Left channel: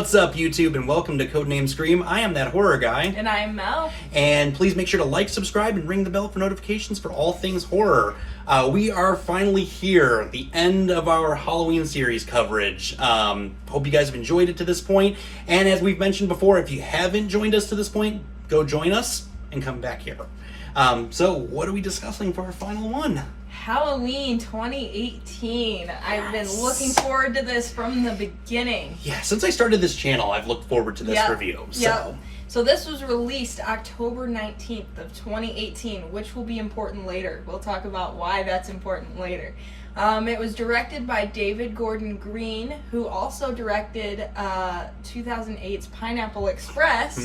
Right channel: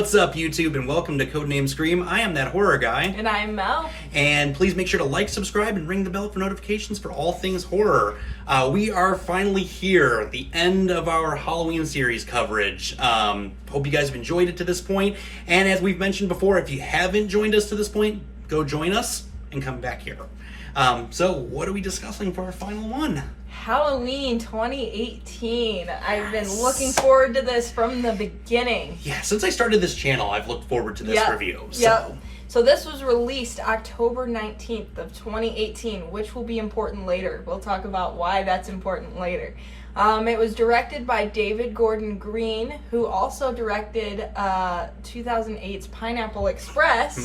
What's up, YouTube, and welcome to Codename Scream. I am that horror guy. And I'm Mel. And please make sure to like, subscribe, and ring the bell for notifications for all things horror. We are finally here, the end of our Halloween series coverage. Hope you guys have enjoyed it to this point. And as we've mentioned before, if you haven't joined us to this point, go join us and come back here. So what are we discussing for our final one? Halloween 2018. I've been looking forward to this from the beginning. Yeah, since I started this channel, I've looked forward to this review. So this was released October 19th of 2018, which will be important later. We'll talk about why that's important later. It was directed by David Gordon Green, who also directed 2008's Pineapple Express.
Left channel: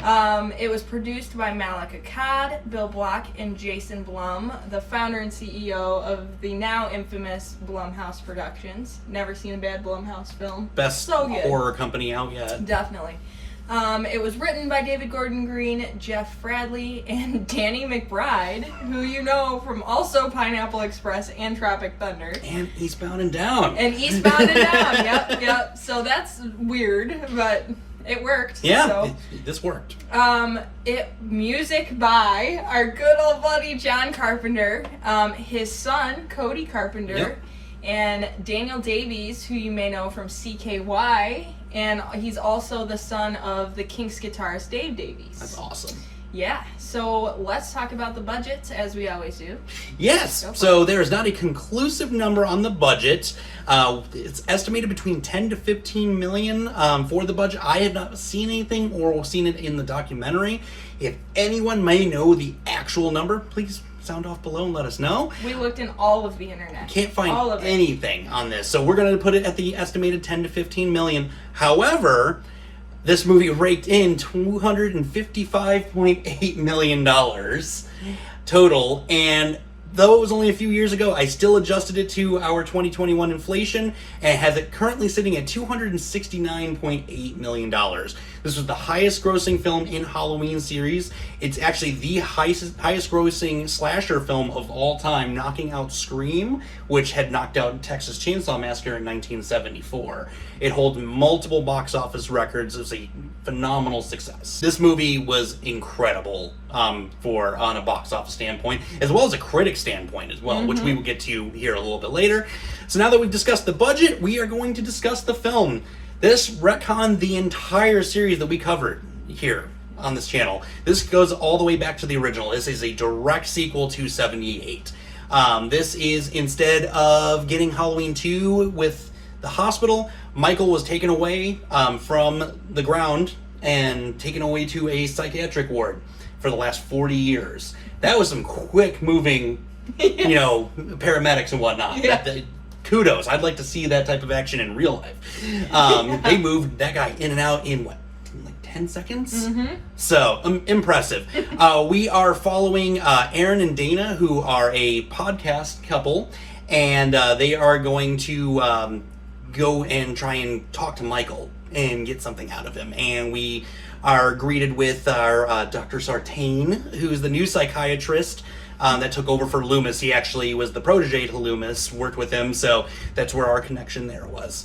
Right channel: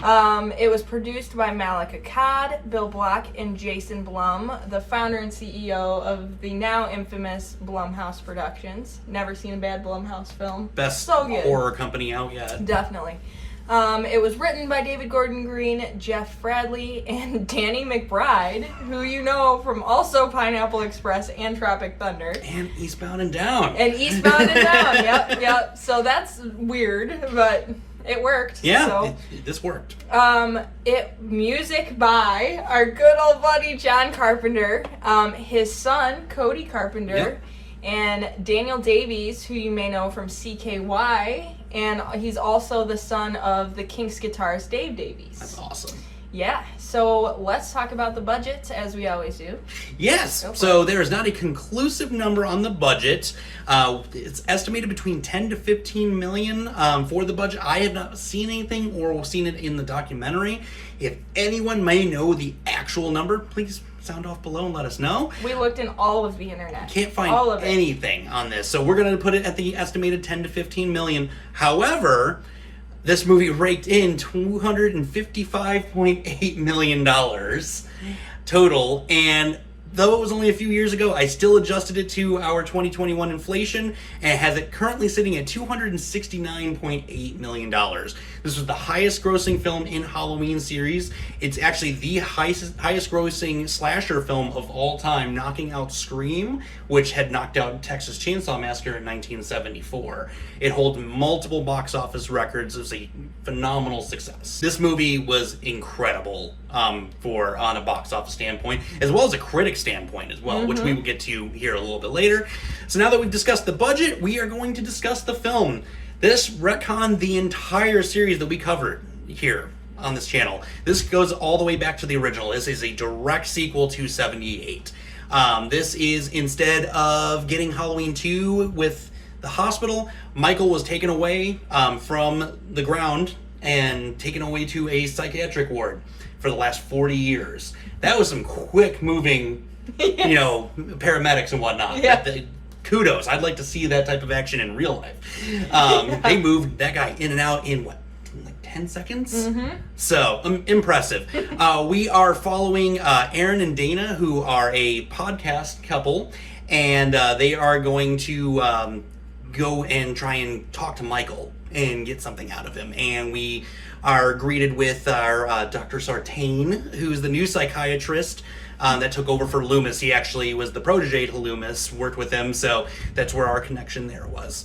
It was produced by Malika Akkad, Bill Block, and Jason Blum, the founder and CEO of the now infamous Blumhouse Productions. Never seen a bad Blumhouse film. Best horror company out yet. Definitely. It was written by David Gordon Green, Jeff Bradley, and Danny McBride, who you know from also Pineapple Express and Tropic Thunder. And Eastbound and Down. Yep. So that's weird, but it worked. Yeah, so. This worked. Music by our good old buddy John Carpenter, his son Cody Carpenter, and Daniel Davies, who you may know from CKY, and he's also the son of the Kinks guitarist Dave Davies. That's awesome. Yeah, so let's talk about the budget, as we always do. Yes, so there is not a conclusive number on the budget. It's estimated between 10 to 15 million for the budget. I have not seen anything or seen it in the documentary. If anyone may know the actual number, please sound off below and let us know. We looked in all of the internet. Can't find anything on this, so we're going to put it at the estimated 10 to 15 million. However, this movie raked in $255.8 million total, and though it was only a few years ago, I still adjusted it to our 2021 inflation and has it currently sitting at $269.8 million. This was the highest grossing film in Halloween series. It's actually the highest grossing slasher film of all time, knocking out Scream, which had knocked out Texas Chainsaw Massacre in 1974. It holds multiple box office records. It was a phenomenal success. This movie was incredible on a box office standpoint, as well as a critic standpoint as well, which we will get to here a little bit later. So now that we've discussed the budget, we are going to discuss the film. This retconned the entire series that we covered here on this channel. This goes all the way back to the original. This is a direct sequel to 78. This is, instead of getting Halloween 2 with the hospital, Michael was taken away from the ground and taken away to a psychiatric ward for the last 40 years. That was some quick moving, paramedics and whatnot. Yeah. Kudos. I'd like to see that type of action in real life. They moved that guy in and out in like 10 seconds? So, impressive. We are following Aaron and Dana, who are a podcast couple, and they are going to go and try and talk to Michael and get something out of him. And we are greeted with our Dr. Sartain, who's the new psychiatrist that took over for Loomis. He actually was the protege to Loomis, worked with him, so that's where our connection there was.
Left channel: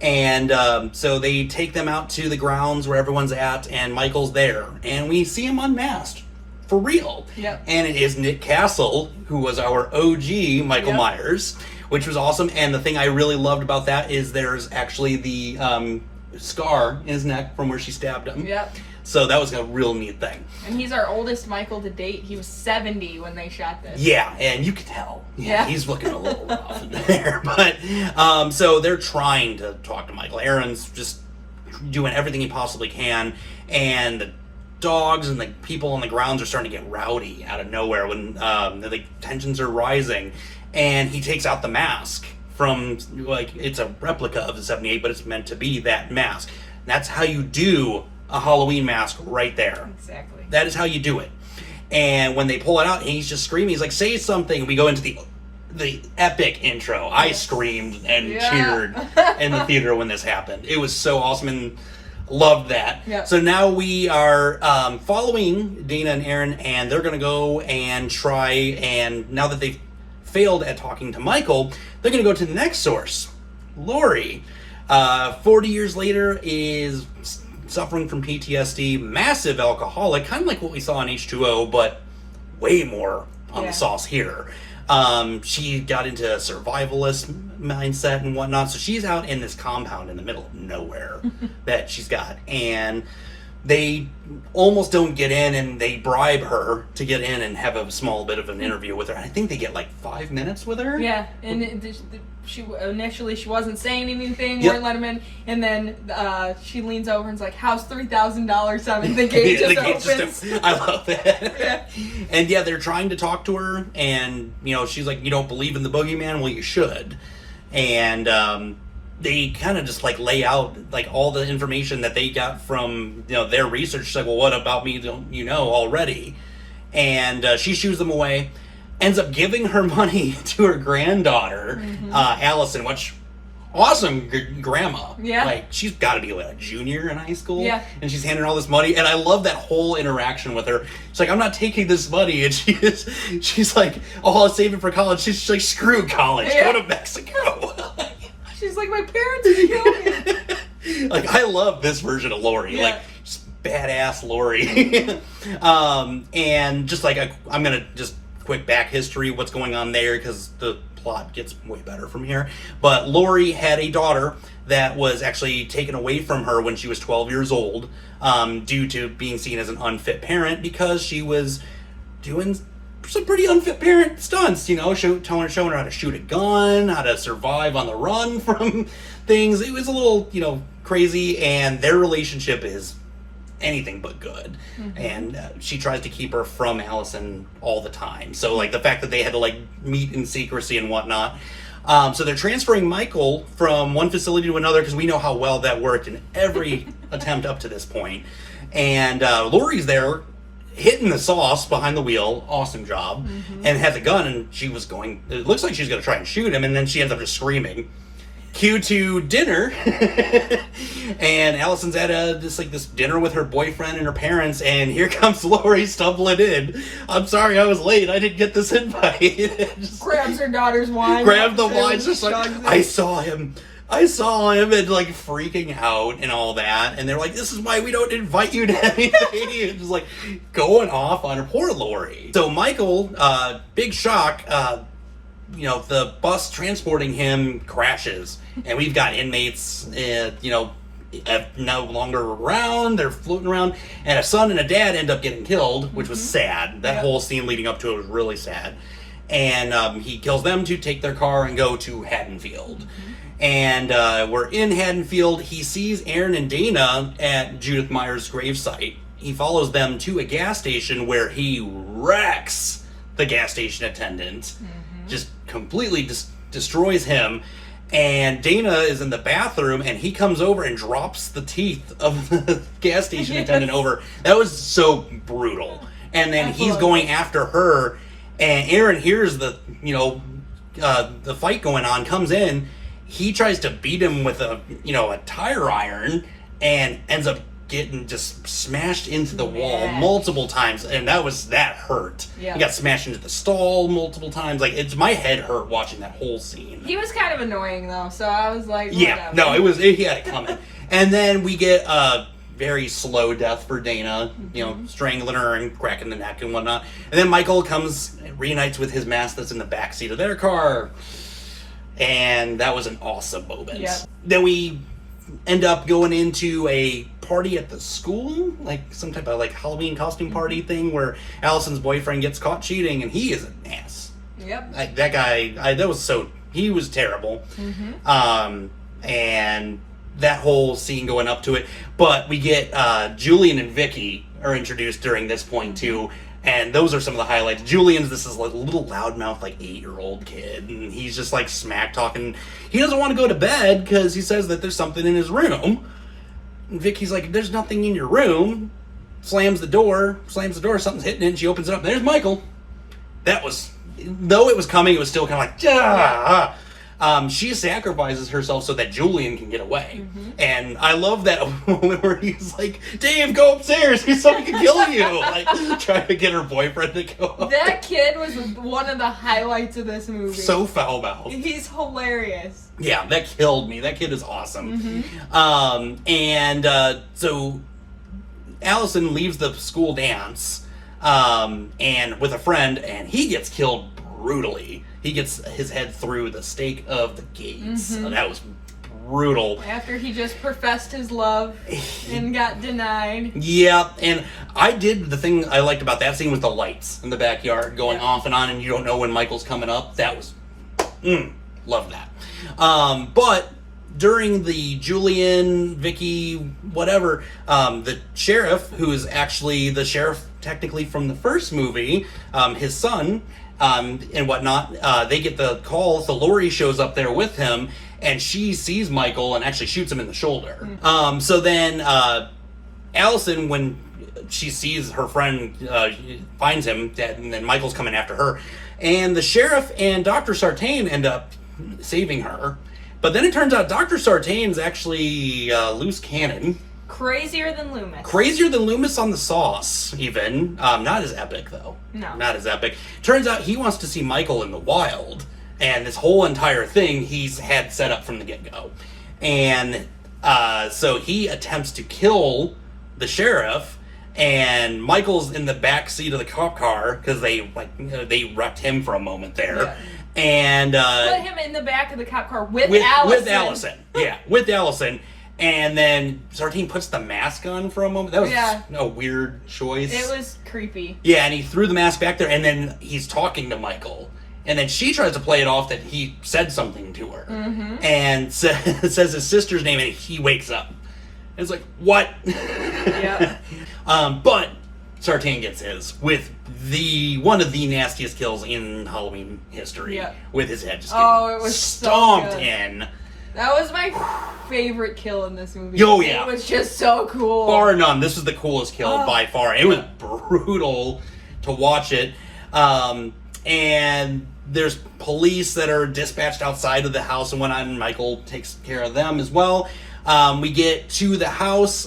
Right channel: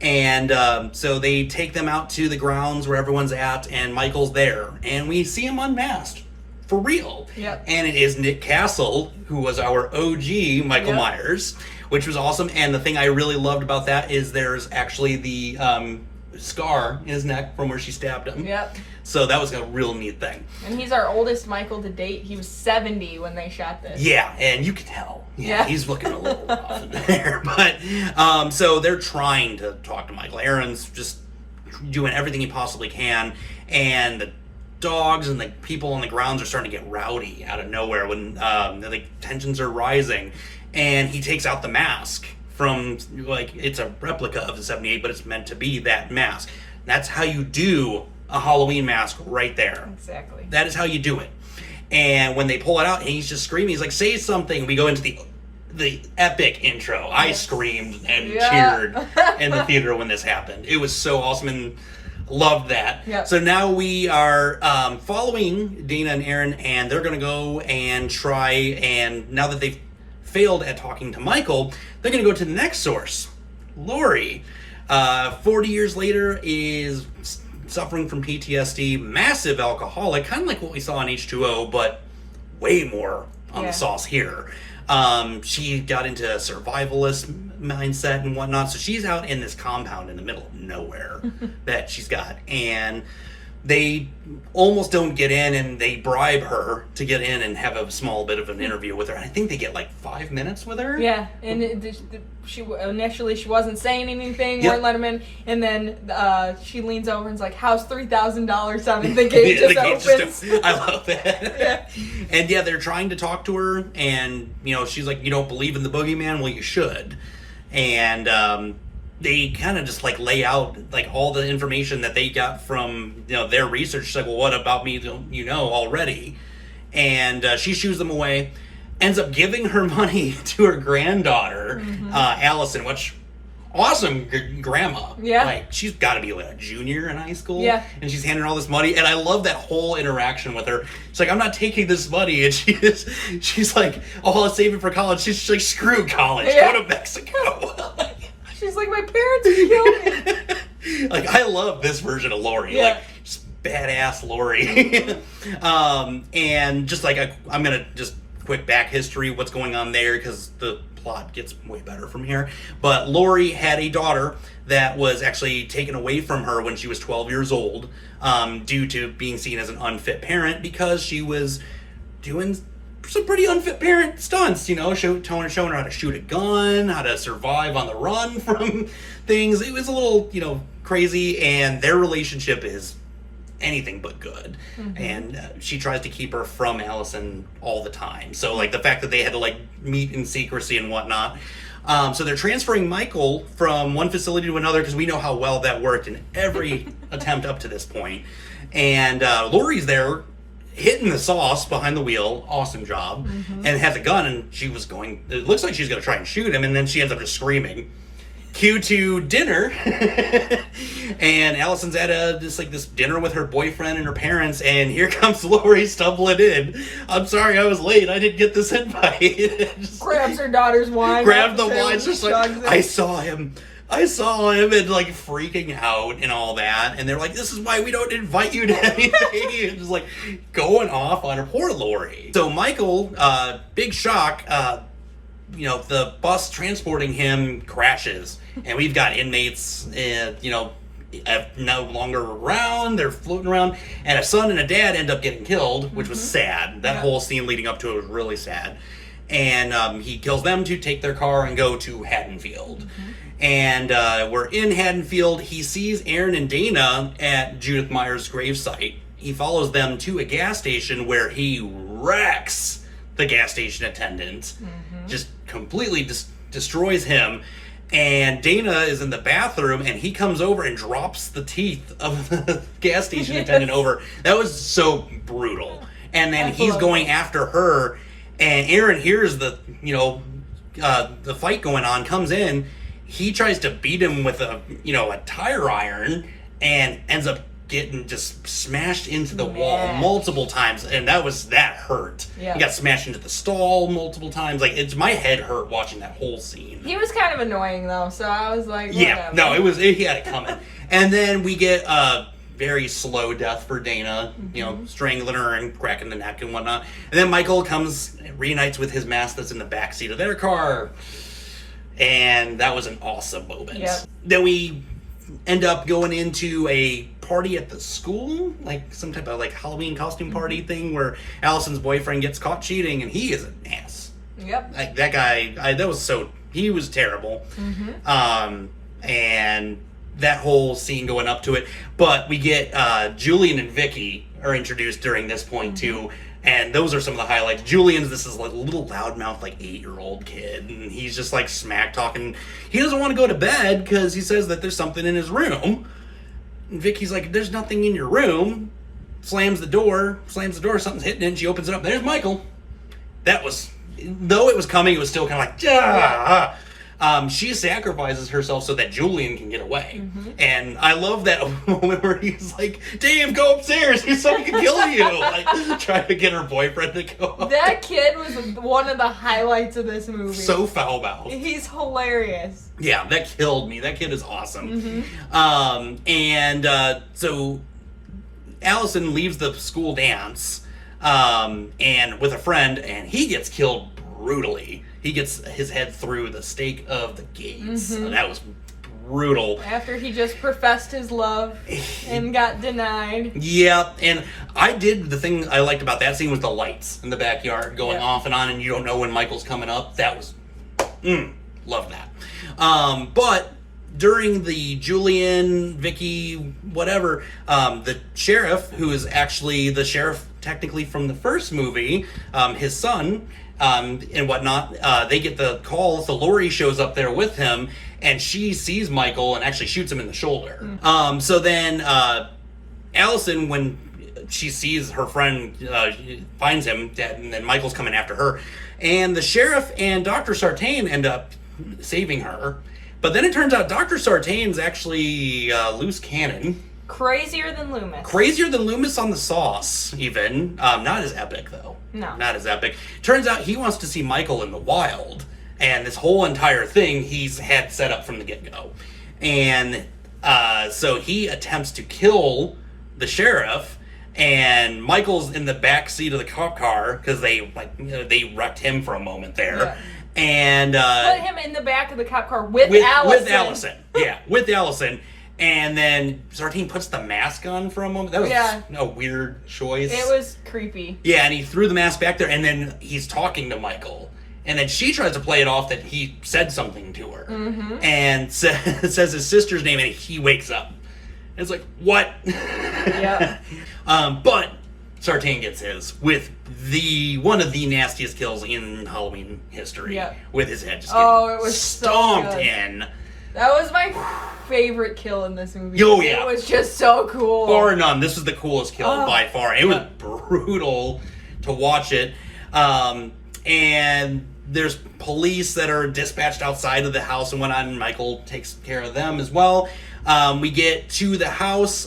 And so they take them out to the grounds where everyone's at, and Michael's there. And we see him unmasked, for real. Yep. And it is Nick Castle, who was our OG Michael Myers, which was awesome. And the thing I really loved about that is there's actually the scar in his neck from where she stabbed him. Yep. So that was a real neat thing. And he's our oldest Michael to date. He was 70 when they shot this. Yeah, and you can tell. Yeah, he's looking a little rough in there. But, so they're trying to talk to Michael. Aaron's just doing everything he possibly can. And the dogs and the people on the grounds are starting to get rowdy out of nowhere when the tensions are rising. And he takes out the mask from, it's a replica of the 78, but it's meant to be that mask. That's how you do a Halloween mask right there. Exactly. That is how you do it. And when they pull it out and he's just screaming, he's like, say something. We go into the epic intro. I screamed and cheered in the theater when this happened. It was so awesome and loved that. Yep. So now we are following Dana and Aaron, and they're going to go and try, and now that they've failed at talking to Michael, they're going to go to the next source, Laurie, 40 years later is suffering from PTSD, massive alcoholic, kind of like what we saw in H2O, but way more on the sauce here. She got into a survivalist mindset and whatnot, so she's out in this compound in the middle of nowhere that she's got, and they almost don't get in, and they bribe her to get in and have a small bit of an interview with her. I think they get like 5 minutes with her. Yeah, and she initially she wasn't saying anything, Yep. wouldn't let him in, and then she leans over and's like, "How's $3,000 on?" And the gate just opens. I love that. Yeah. And yeah, they're trying to talk to her, and she's like, "You don't believe in the boogeyman? Well, you should." And they kind of just like lay out like all the information that they got from their research. She's like, "Well, what about me don't you know already?" And she shoos them away, ends up giving her money to her granddaughter, Allison, which awesome grandma. Yeah. Like, she's got to be like a junior in high school. Yeah. And she's handing her all this money, and I love that whole interaction with her. She's like, "I'm not taking this money," and she's like, "Oh, I'll save it for college." She's like, "Screw college, Yeah. Go to Mexico." She's like, "My parents would kill me." Like, I love this version of Laurie. Yeah. Like, just badass Laurie. And just like, I'm going to just quick back history, what's going on there, because the plot gets way better from here. But Laurie had a daughter that was actually taken away from her when she was 12 years old, due to being seen as an unfit parent, because she was doing some pretty unfit parent stunts, showing her how to shoot a gun, how to survive on the run from things. It was a little, crazy, and their relationship is anything but good. And she tries to keep her from Allison all the time. So, like, the fact that they had to, like, meet in secrecy and whatnot. So they're transferring Michael from one facility to another, because we know how well that worked in every attempt up to this point. And Laurie's there, hitting the sauce behind the wheel, awesome job, and has a gun, and it looks like she's going to try and shoot him, and then she ends up just screaming. Cue to dinner, and Allison's at this dinner with her boyfriend and her parents, and here comes Laurie stumbling in. "I'm sorry I was late, I didn't get this invite." Grabs her daughter's wine. Grabs the wine, just like, shoves it. I saw him, and like freaking out and all that. And they're like, "This is why we don't invite you to anything." And just like going off on her. Poor Laurie. So Michael, big shock, the bus transporting him crashes, and we've got inmates, no longer around. They're floating around, and a son and a dad end up getting killed, which was sad. That whole scene leading up to it was really sad. And he kills them to take their car and go to Haddonfield. And we're in Haddonfield. He sees Aaron and Dana at Judith Meyer's gravesite. He follows them to a gas station where he wrecks the gas station attendant. Just completely destroys him. And Dana is in the bathroom, and he comes over and drops the teeth of the gas station attendant over. That was so brutal. And then he's going after her, and Aaron hears the fight going on, comes in. He tries to beat him with a tire iron, and ends up getting just smashed into the wall multiple times, and that hurt. He got smashed into the stall multiple times. Like, my head hurt watching that whole scene. He was kind of annoying though, so I was like, yeah, whatever. no, he had it coming. And then we get a very slow death for Dana, strangling her and cracking the neck and whatnot. And then Michael reunites with his mask that's in the backseat of their car. And that was an awesome moment. Yeah. Then we end up going into a party at the school, like some type of like Halloween costume party thing, where Allison's boyfriend gets caught cheating, and he is an ass. Yep. Like, that guy, he was terrible. And that whole scene going up to it. But we get Julian and Vicky are introduced during this point too. And those are some of the highlights. Julian's this is like a little loudmouth, like 8-year-old kid, and he's just like smack talking. He doesn't want to go to bed because he says that there's something in his room. And Vicky's like, "There's nothing in your room." Slams the door, something's hitting it, and she opens it up. There's Michael. That was, though it was coming, it was still kind of like, ah. she sacrifices herself so that Julian can get away. And I love that moment where he's like, Dave, go upstairs, someone can kill you. Like, trying to get her boyfriend to go up. That kid was one of the highlights of this movie. So foul-mouthed. He's hilarious. Yeah, that killed me. That kid is awesome. So Allison leaves the school dance and with a friend, and he gets killed brutally. He gets his head through the stake of the gates. That was brutal. After he just professed his love and got denied. Yeah, and the thing I liked about that scene was the lights in the backyard going off and on, and you don't know when Michael's coming up. That was, love that. But during the Julian, Vicky, whatever, the sheriff, who is actually the sheriff technically from the first movie, his son, and whatnot, they get the call, so Laurie shows up there with him, and she sees Michael and actually shoots him in the shoulder. So then Allison, when she sees her friend, finds him dead, and then Michael's coming after her, and the sheriff and Dr. Sartain end up saving her. But then it turns out Dr. Sartain's actually loose cannon. Crazier than Loomis. Crazier than Loomis on the sauce, even. Not as epic, though. No. Not as epic. Turns out he wants to see Michael in the wild. And this whole entire thing he's had set up from the get-go. And so he attempts to kill the sheriff. And Michael's in the back seat of the cop car because they wrecked him for a moment there. Yeah. And put him in the back of the cop car with Allison. With Allison. Yeah, with Allison. And then Sartain puts the mask on for a moment. That was a weird choice. It was creepy. Yeah, and he threw the mask back there, and then he's talking to Michael. And then she tries to play it off that he said something to her. And says his sister's name, and he wakes up. And it's like, what? Yeah. But Sartain gets his with one of the nastiest kills in Halloween history. Yeah. With his head just getting stomped in. That was my favorite kill in this movie. Oh, yeah. It was just so cool. Bar none. This was the coolest kill by far. It was brutal to watch it. And there's police that are dispatched outside of the house and whatnot, and Michael takes care of them as well. We get to the house.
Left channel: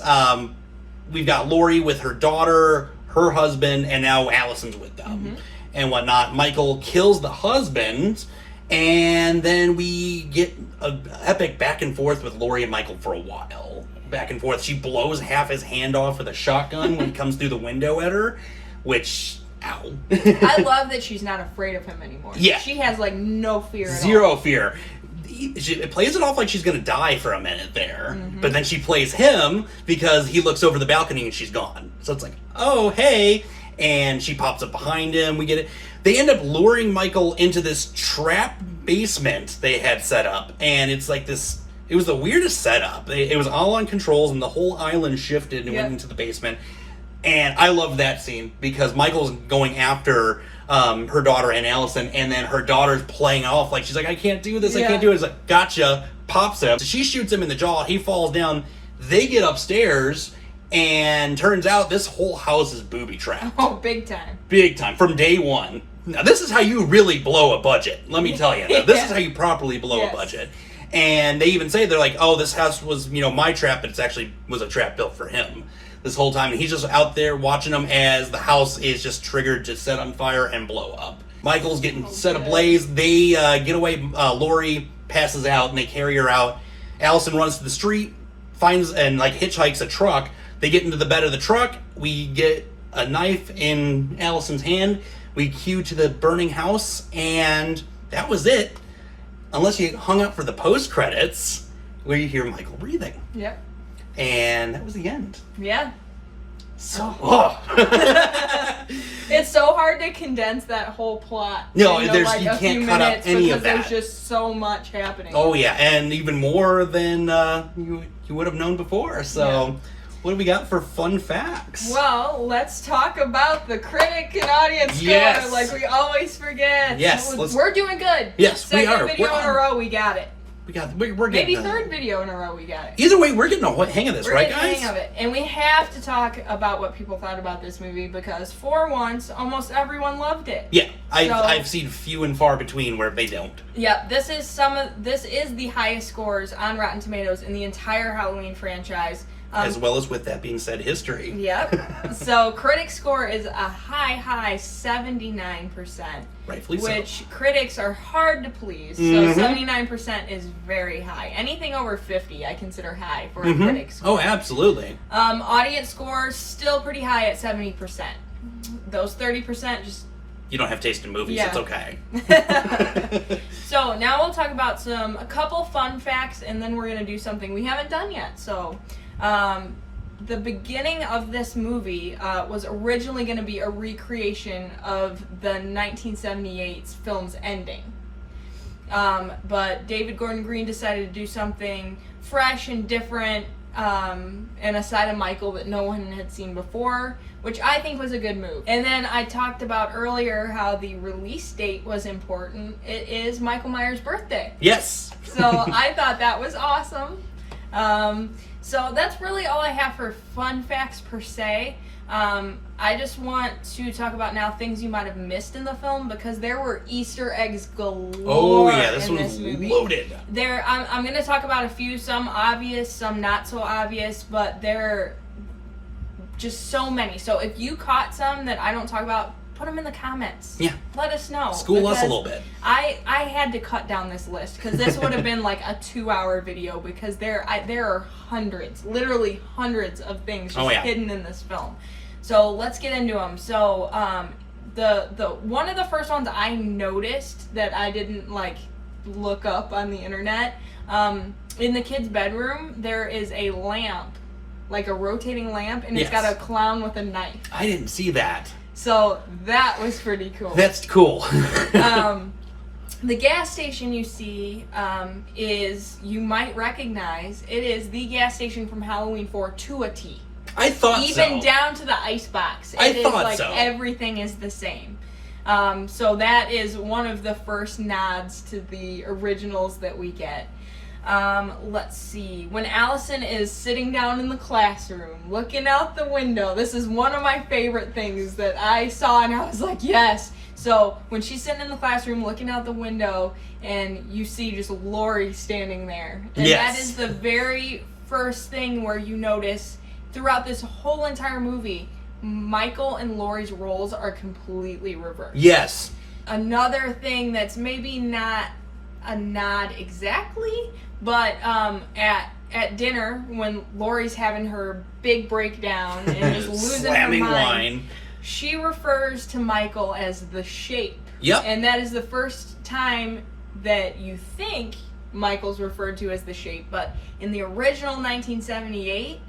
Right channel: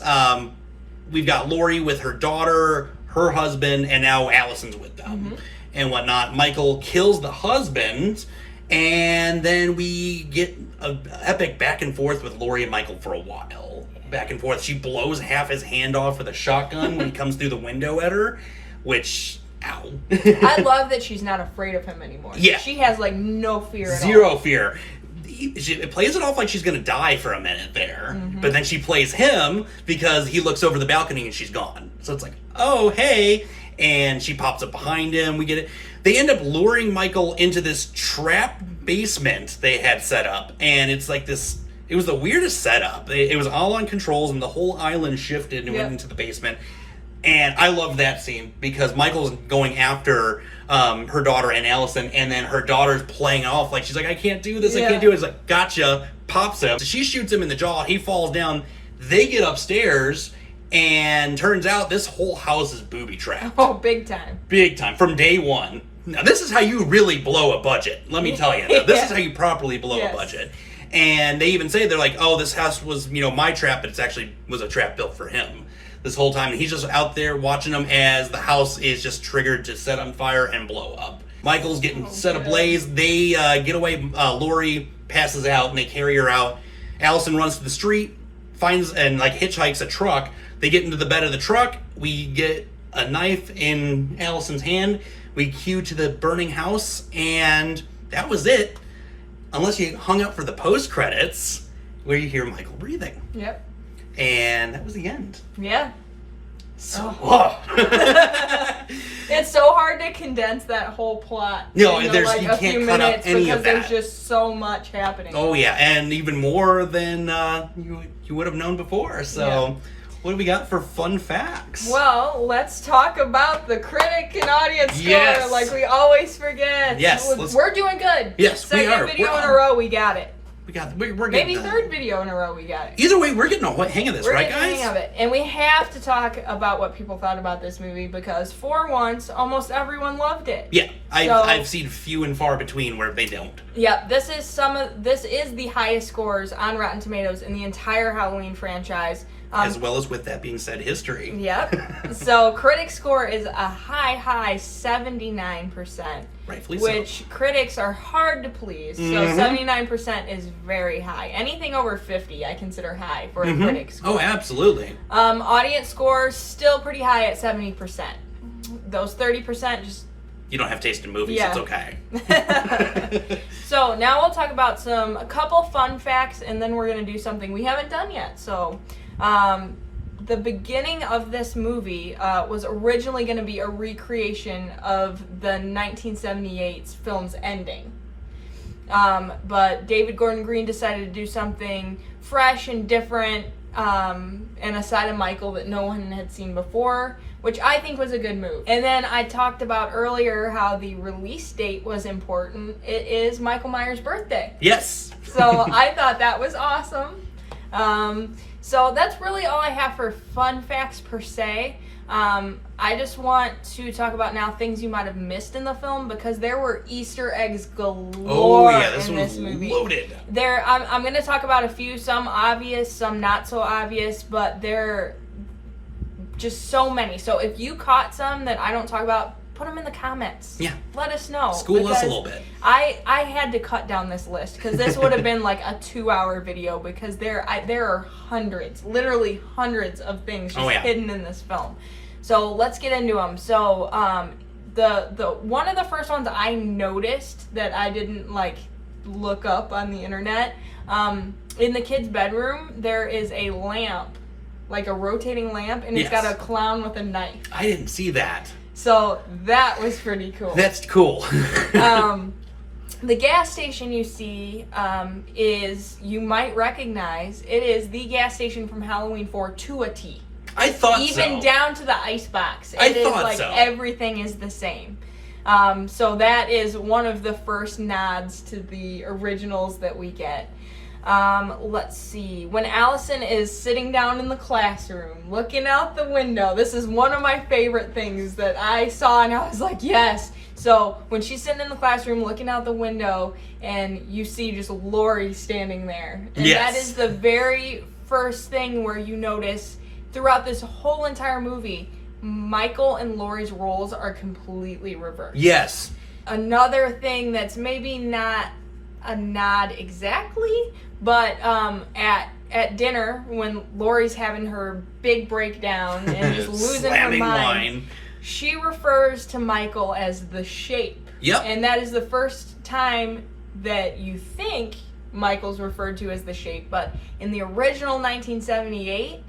We've got Laurie with her daughter, her husband, and now Allison's with them and whatnot. Michael kills the husband. And then we get an epic back and forth with Laurie and Michael for a while. Back and forth. She blows half his hand off with a shotgun when he comes through the window at her, which, ow. I love that she's not afraid of him anymore. Yeah. She has, no fear at all. Zero fear. It plays it off like she's going to die for a minute there. But then she plays him because he looks over the balcony and she's gone. So it's like, oh, hey. And she pops up behind him. We get it. They end up luring Michael into this trap basement they had set up. And it's like this, it was the weirdest setup. It was all on controls and the whole island shifted and went into the basement. And I love that scene because Michael's going after her daughter and Allison, and then her daughter's playing off like she's like, I can't do this, I can't do it. It's like, gotcha, pops him. So she shoots him in the jaw, he falls down, they get upstairs, and turns out this whole house is booby-trapped. Oh, big time. Big time, from day one. Now, this is how you really blow a budget, let me tell you. Now, this is how you properly blow a budget. And they even say, they're like, oh, this house was, my trap, but it's actually was a trap built for him this whole time. And he's just out there watching them as the house is just triggered to set on fire and blow up. Michael's getting set ablaze. They get away. Laurie passes out and they carry her out. Allison runs to the street, finds and hitchhikes a truck. They get into the bed of the truck. We get a knife in Allison's hand. We cue to the burning house, and that was it. Unless you hung up for the post credits, where you hear Michael breathing. Yep. And that was the end. Yeah. So, it's so hard to condense that whole plot. No, you can't cut out any of that. There's just so much happening. Oh yeah, and even more than you would have known before. So, what do we got for fun facts? Well, let's talk about the critic and audience score, like we always forget. Yes, we're doing good. Yes, we are. Second video in a row, we got it. We're getting maybe third video in a row we got it. Either way, we're getting a hang of this, right, guys? We're getting a hang of it. And we have to talk about what people thought about this movie because for once, almost everyone loved it. Yeah, I've seen few and far between where they don't. Yeah, this is the highest scores on Rotten Tomatoes in the entire Halloween franchise. As well as, with that being said, history. Yep. So critic score is a high 79%. Rightfully so. Which critics are hard to please. So 79% is very high. Anything over 50 I consider high for a critic score. Oh, absolutely. Audience score still pretty high at 70%. Those 30% just... You don't have taste in movies, Yeah. it's okay. So now we'll talk about a couple fun facts and then we're going to do something we haven't done yet. So... the beginning of this movie was originally going to be a recreation of the 1978 film's ending. But David Gordon Green decided to do something fresh and different and a side of Michael that no one had seen before, which I think was a good move. And then I talked about earlier how the release date was important. It is Michael Myers' birthday. Yes! So I thought that was awesome. So that's really all I have for fun facts per se. I just want to talk about now things you might have missed in the film because there were Easter eggs galore. Oh yeah, this in one was movie. loaded. I'm going to talk about a few, some obvious, some not so obvious, but they're just so many. So if you caught some that I don't talk about, put them in the comments. Yeah. Let us know. School us a little bit. I had to cut down this list because this would have been like a 2-hour video because there are hundreds, literally hundreds of things just hidden in this film. So let's get into them. So the one of the first ones I noticed that I didn't like look up on the internet, in the kid's bedroom there is a lamp, like a rotating lamp, and it's got a clown with a knife. I didn't see that. So that was pretty cool. That's cool. The gas station you see is, you might recognize, it is the gas station from Halloween 4 to a T. I thought so. Even down to the icebox. I thought so. Everything is the same. So that is one of the first nods to the originals that we get. Let's see. When Allison is sitting down in the classroom, looking out the window, this is one of my favorite things that I saw and I was like, yes. So when she's sitting in the classroom looking out the window and you see just Laurie standing there. And that is the very first thing where you notice throughout this whole entire movie, Michael and Laurie's roles are completely reversed. Yes. Another thing that's maybe not a nod exactly, but at dinner when Laurie's having her big breakdown and just losing slamming her mind, wine, she refers to Michael as the Shape. Yep. And that is the first time that you think Michael's referred to as the Shape, but in the original 1978,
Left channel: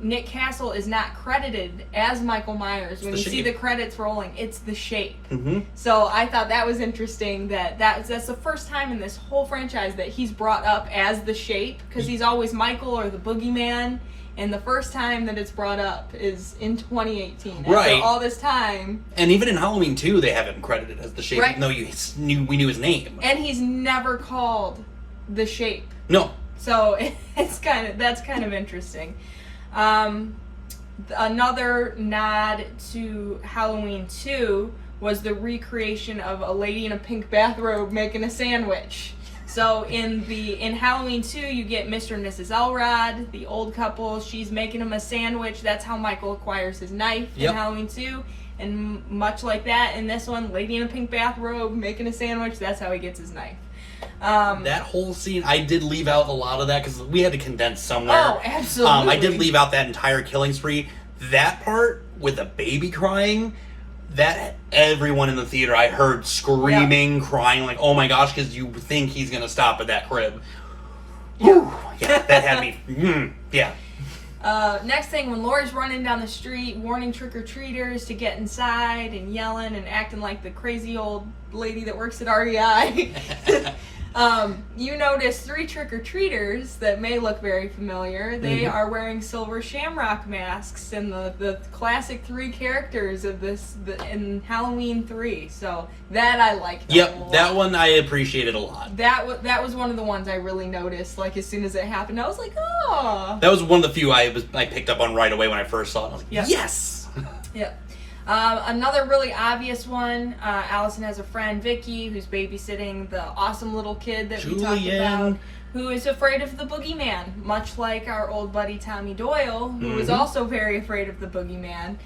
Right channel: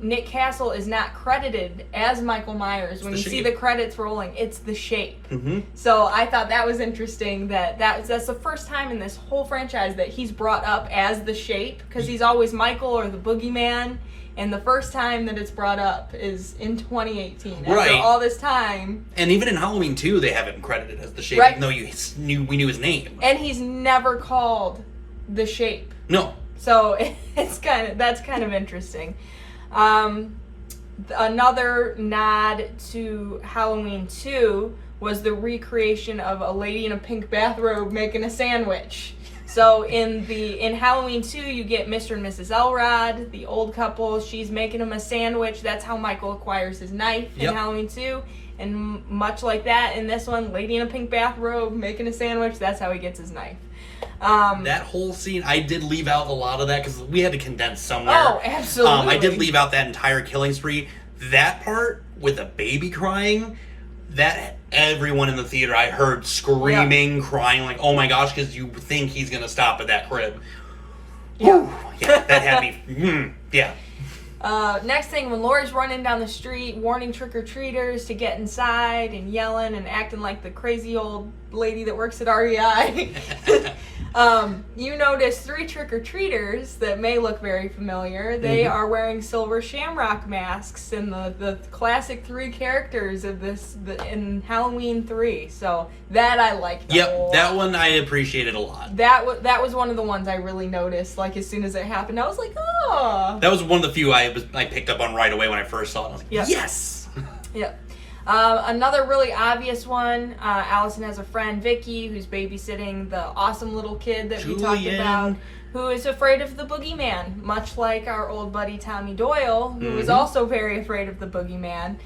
Nick Castle is not credited as Michael Myers. When you see the credits rolling, it's the Shape. Mm-hmm. So I thought that was interesting that's the first time in this whole franchise that he's brought up as the Shape, because he's always Michael or the Boogeyman, and the first time that it's brought up is in 2018. Right. After all this time. And even in Halloween 2, they have him credited as the Shape, even though we knew his name. And he's never called the Shape. No. So that's kind of interesting. Another nod to Halloween 2 was the recreation of a lady in a pink bathrobe making a sandwich. So in Halloween 2, you get Mr. and Mrs. Elrod, the old couple. She's making him a sandwich. That's how Michael acquires his knife in Halloween 2. And much like that, in this one, lady in a pink bathrobe making a sandwich. That's how he gets his knife. That whole scene, I did leave out a lot of that because we had to condense somewhere. Oh, absolutely. I did leave out that entire killing spree. That part with the baby crying, that everyone in the theater I heard screaming, crying, like, oh my gosh, because you think he's going to stop at that crib. Whew. Yeah, that had me, yeah. Next thing, when Laurie's running down the street, warning trick-or-treaters to get inside and yelling and acting like the crazy old lady that works at REI. You notice 3 trick-or-treaters that may look very familiar. They are wearing silver shamrock masks and the classic 3 characters of in Halloween 3. So that I liked. Yep, that one I appreciated a lot. That was one of the ones I really noticed. Like as soon as it happened, I was like, oh. That was one of the few I picked up on right away when I first saw it. I was like, yes. Yep. Another really obvious one, Allison has a friend, Vicky, who's babysitting the awesome little kid that we talked about, who is afraid of the boogeyman, much like our old buddy Tommy Doyle, who was also very afraid of the boogeyman.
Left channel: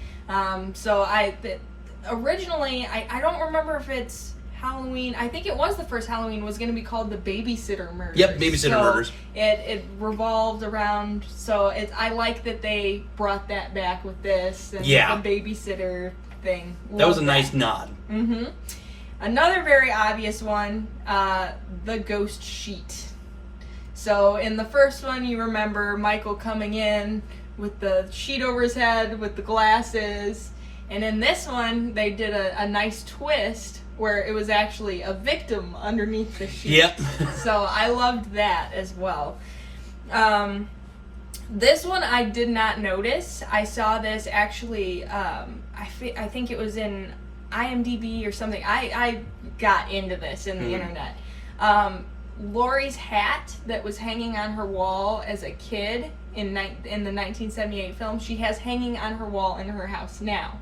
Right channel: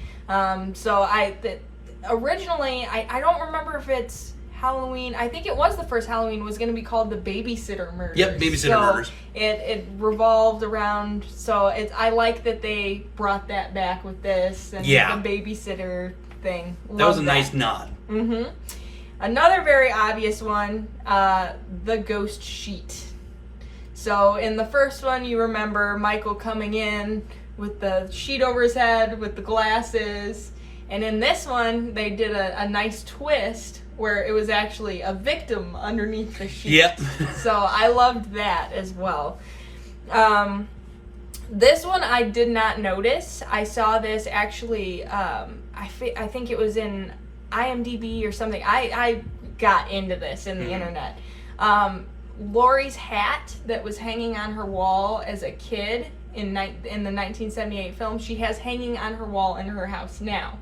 Originally, I don't remember if it's Halloween. I think it was the first Halloween was going to be called the Babysitter Murders. Yep, Babysitter Murders. It revolved around. So I like that they brought that back with this and the babysitter thing. That was a nice nod. Mm-hmm. Another very obvious one, the ghost sheet. So in the first one, you remember Michael coming in with the sheet over his head with the glasses, and in this one, they did a nice twist where it was actually a victim underneath the sheet. Yep. So I loved that as well. This one I did not notice. I saw this actually, I think it was in IMDb or something. I got into this in the internet. Laurie's hat that was hanging on her wall as a kid in the 1978 film, she has hanging on her wall in her house now.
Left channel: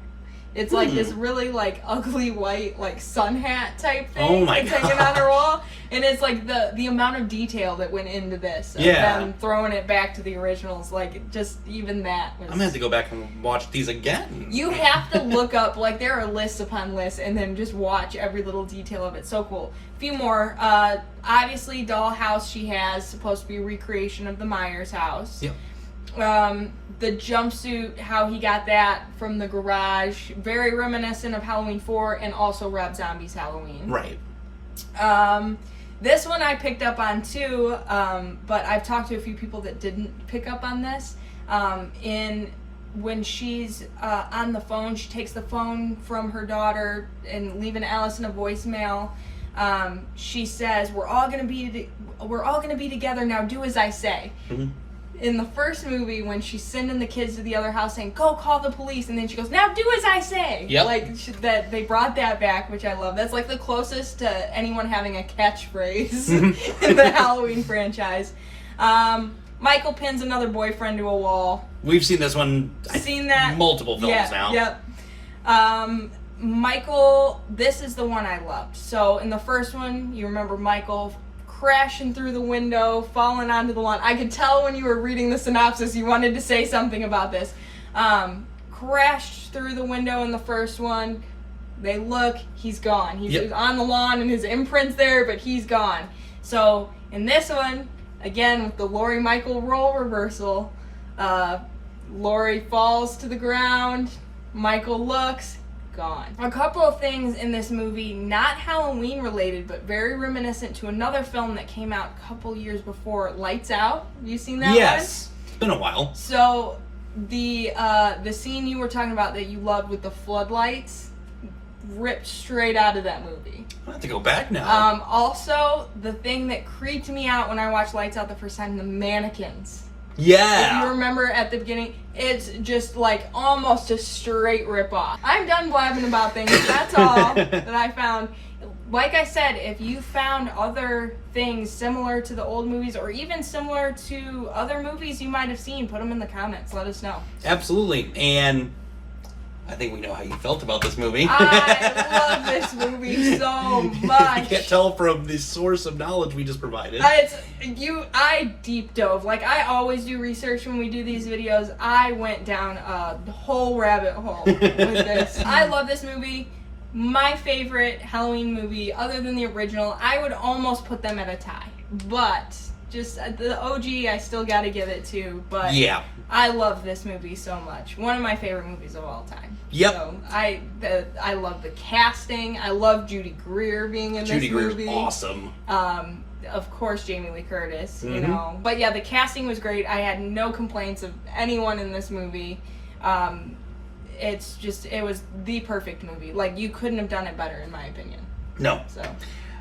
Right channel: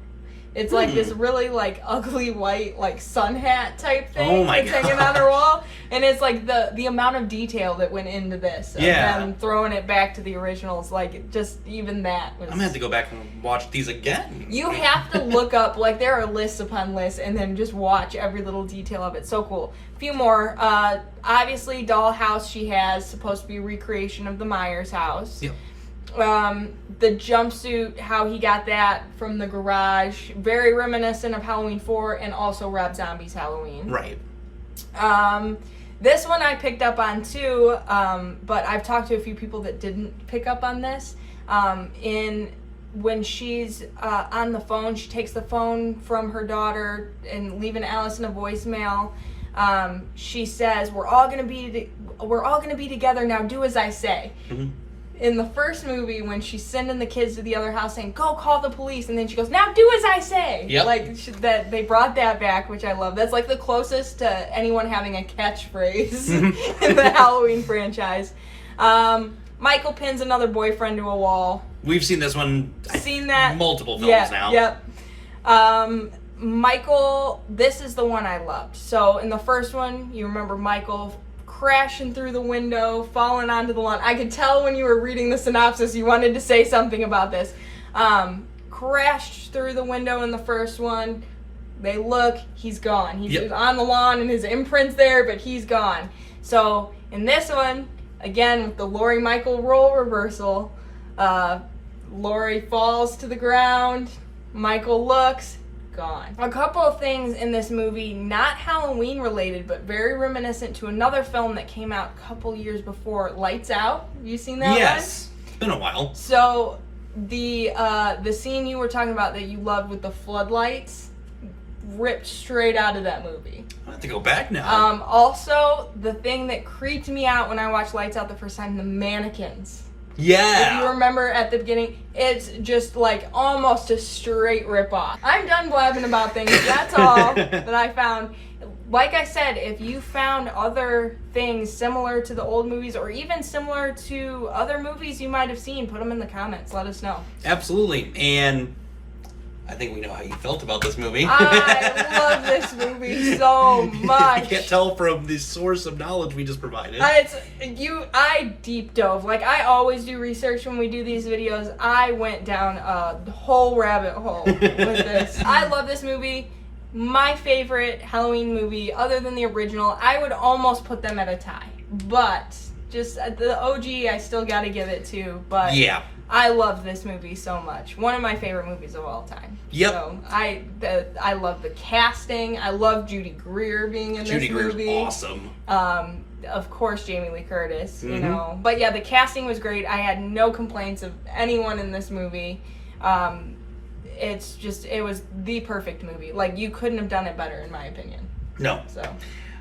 It's like this really like ugly white like sun hat type thing. Oh my God. Hanging on her wall, and it's like the amount of detail that went into this. And then throwing it back to the originals, like just even that. Was... I'm gonna have to go back and watch these again. You have to look up like there are lists upon lists, and then just watch every little detail of it. So cool. A few more. Obviously, dollhouse she has supposed to be a recreation of the Myers house. Yep. The jumpsuit, how he got that from the garage, very reminiscent of Halloween 4 and also Rob Zombie's Halloween. Right. This one I picked up on too, but I've talked to a few people that didn't pick up on this. When she's on the phone, she takes the phone from her daughter and leaving Allison a voicemail. She says, "We're all gonna be together now. Do as I say." Mm-hmm. In the first movie, when she's sending the kids to the other house saying, "Go call the police," and then she goes, "Now do as I say." Yep. Like that, they brought that back, which I love. That's like the closest to anyone having a catchphrase in the Halloween franchise. Michael pins another boyfriend to a wall. We've seen this one. Seen that multiple films now. Yep. Michael, this is the one I loved. So in the first one, you remember Michael crashing through the window, falling onto the lawn. I could tell when you were reading the synopsis you wanted to say something about this. Crashed through the window in the first one. They look, he's gone. He's on the lawn and his imprint's there, but he's gone. So in this one, again with the Laurie Michael role reversal, Laurie falls to the ground, Michael looks, gone. A couple of things in this movie, not Halloween related, but very reminiscent to another film that came out a couple years before, Lights Out. You seen that? Yes. One? It's been a while. So the scene you were talking about that you loved with the floodlights ripped straight out of that movie. I have to go back now. Also, the thing that creeped me out when I watched Lights Out the first time, the mannequins. Yeah. If you remember at the beginning, it's just like almost a straight rip-off. I'm done blabbing about things. That's all that I found. Like I said, if you found other things similar to the old movies or even similar to other movies you might have seen, put them in the comments. Let us know. Absolutely. And I think we know how you felt about this movie. I love this movie so much. You can't tell from the source of knowledge we just provided. I deep dove. Like I always do research when we do these videos. I went down a whole rabbit hole with this. I love this movie. My favorite Halloween movie, other than the original. I would almost put them at a tie. But just the OG, I still got to give it to. But yeah. I love this movie so much. One of my favorite movies of all time. Yep. So I love the casting. I love Judy Greer being in this movie. Judy Greer's awesome. Of course, Jamie Lee Curtis. You know, but yeah, the casting was great. I had no complaints of anyone in this movie. It was the perfect movie. Like you couldn't have done it better, in my opinion. No. So.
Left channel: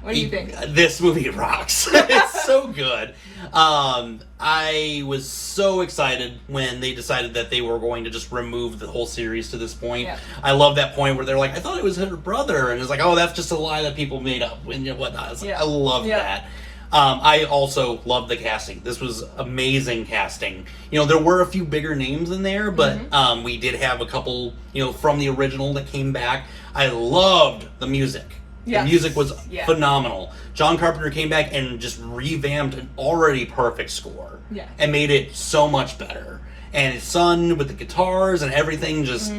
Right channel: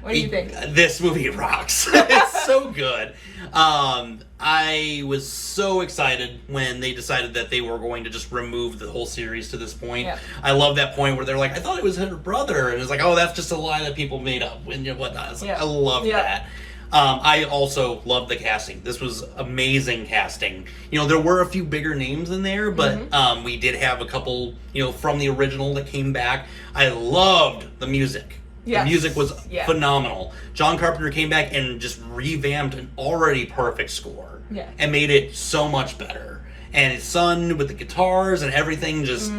What do you think? This movie rocks. It's so good. I was so excited when they decided that they were going to just remove the whole series to this point. Yep. I love that point where they're like, I thought it was her brother. And it's like, oh, that's just a lie that people made up and whatnot. It's like, I love that. I also love the casting. This was amazing casting. You know, there were a few bigger names in there, but we did have a couple, you know, from the original that came back. I loved the music. Yes. The music was phenomenal. John Carpenter came back and just revamped an already perfect score and made it so much better. And his son with the guitars and everything, just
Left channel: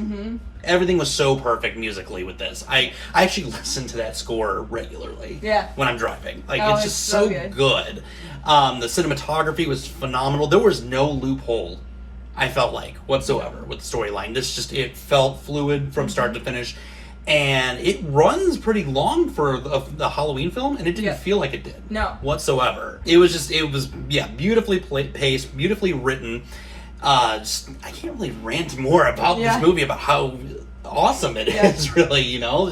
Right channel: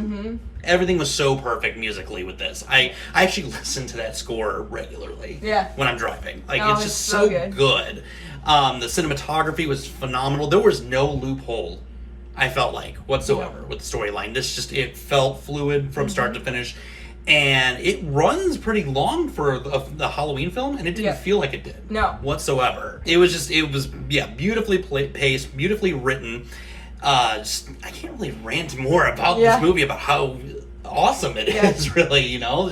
everything was so perfect musically with this. I actually listen to that score regularly when I'm driving. Like, it's just so good. The cinematography was phenomenal. There was no loophole, I felt like, whatsoever with the storyline. It felt fluid from start to finish. And it runs pretty long for the Halloween film, and it didn't feel like it did. Whatsoever. It was beautifully paced, beautifully written. I can't really rant more about this movie, about how awesome it is, really, you know?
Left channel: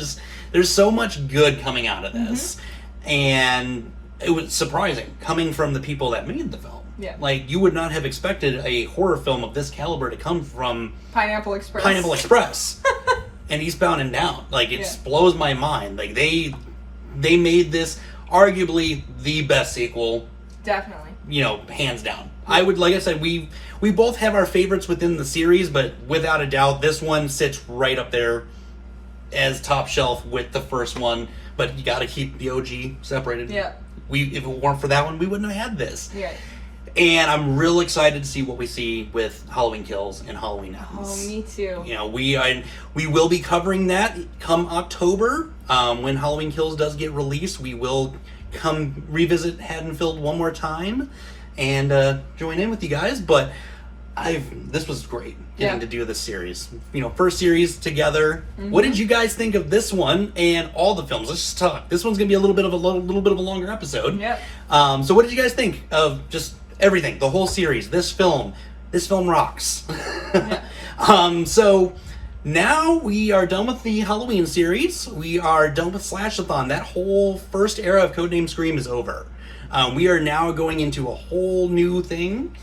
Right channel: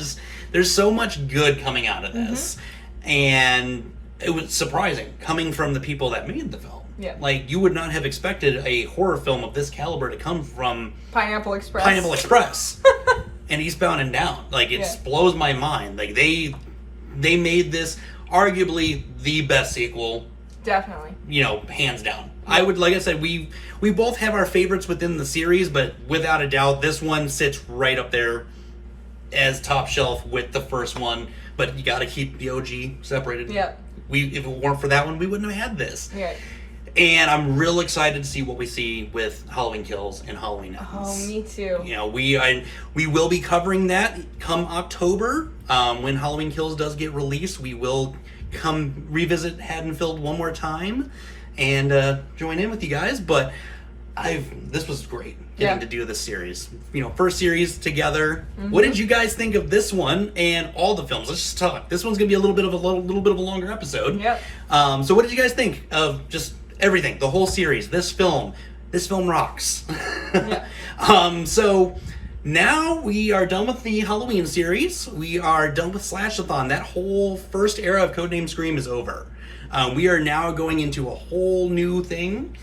There's so much good coming out of this. And it was surprising, coming from the people that made the film. Like, you would not have expected a horror film of this caliber to come from Pineapple Express. And Eastbound and Down. Like, it blows my mind. Like, they made this arguably the best sequel. Definitely. You know, hands down. Like I said, we both have our favorites within the series, but without a doubt, this one sits right up there as top shelf with the first one. But you gotta keep the OG separated. If it weren't for that one, we wouldn't have had this. And I'm real excited to see what we see with Halloween Kills and Halloween Ends. Oh, me too. You know, we will be covering that come October. When Halloween Kills does get released, we will come revisit Haddonfield one more time and join in with you guys. But this was great getting to do this series. You know, first series together. What did you guys think of this one and all the films? Let's just talk. This one's gonna be a little bit of a longer episode. So what did you guys think of just everything, the whole series, this film rocks. So now we are done with the Halloween series. We are done with Slashathon. That whole first era of Codename Scream is over. We are now going into a whole new thing.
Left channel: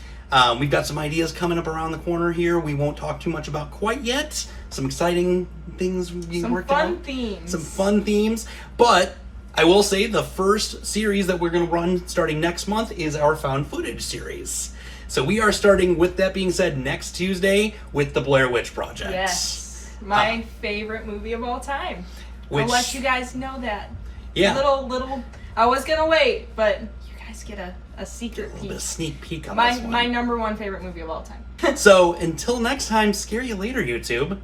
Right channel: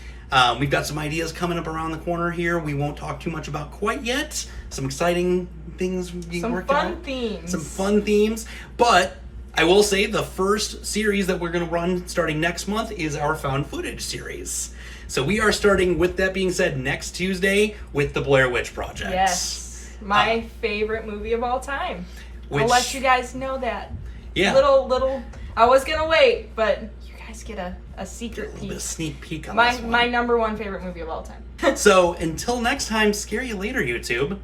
We've got some ideas coming up around the corner here. We won't talk too much about quite yet. Some exciting things being worked out. Some fun themes. But I will say the first series that we're going to run starting next month is our found footage series. So we are starting, with that being said, next Tuesday with the Blair Witch Project. Yes. My favorite movie of all time. I'll let you guys know that. Little, I was going to wait, but you guys get a secret peek. A little bit of sneak peek on this one. My number one favorite movie of all time. So until next time, scare you later, YouTube.